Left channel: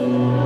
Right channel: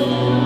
음.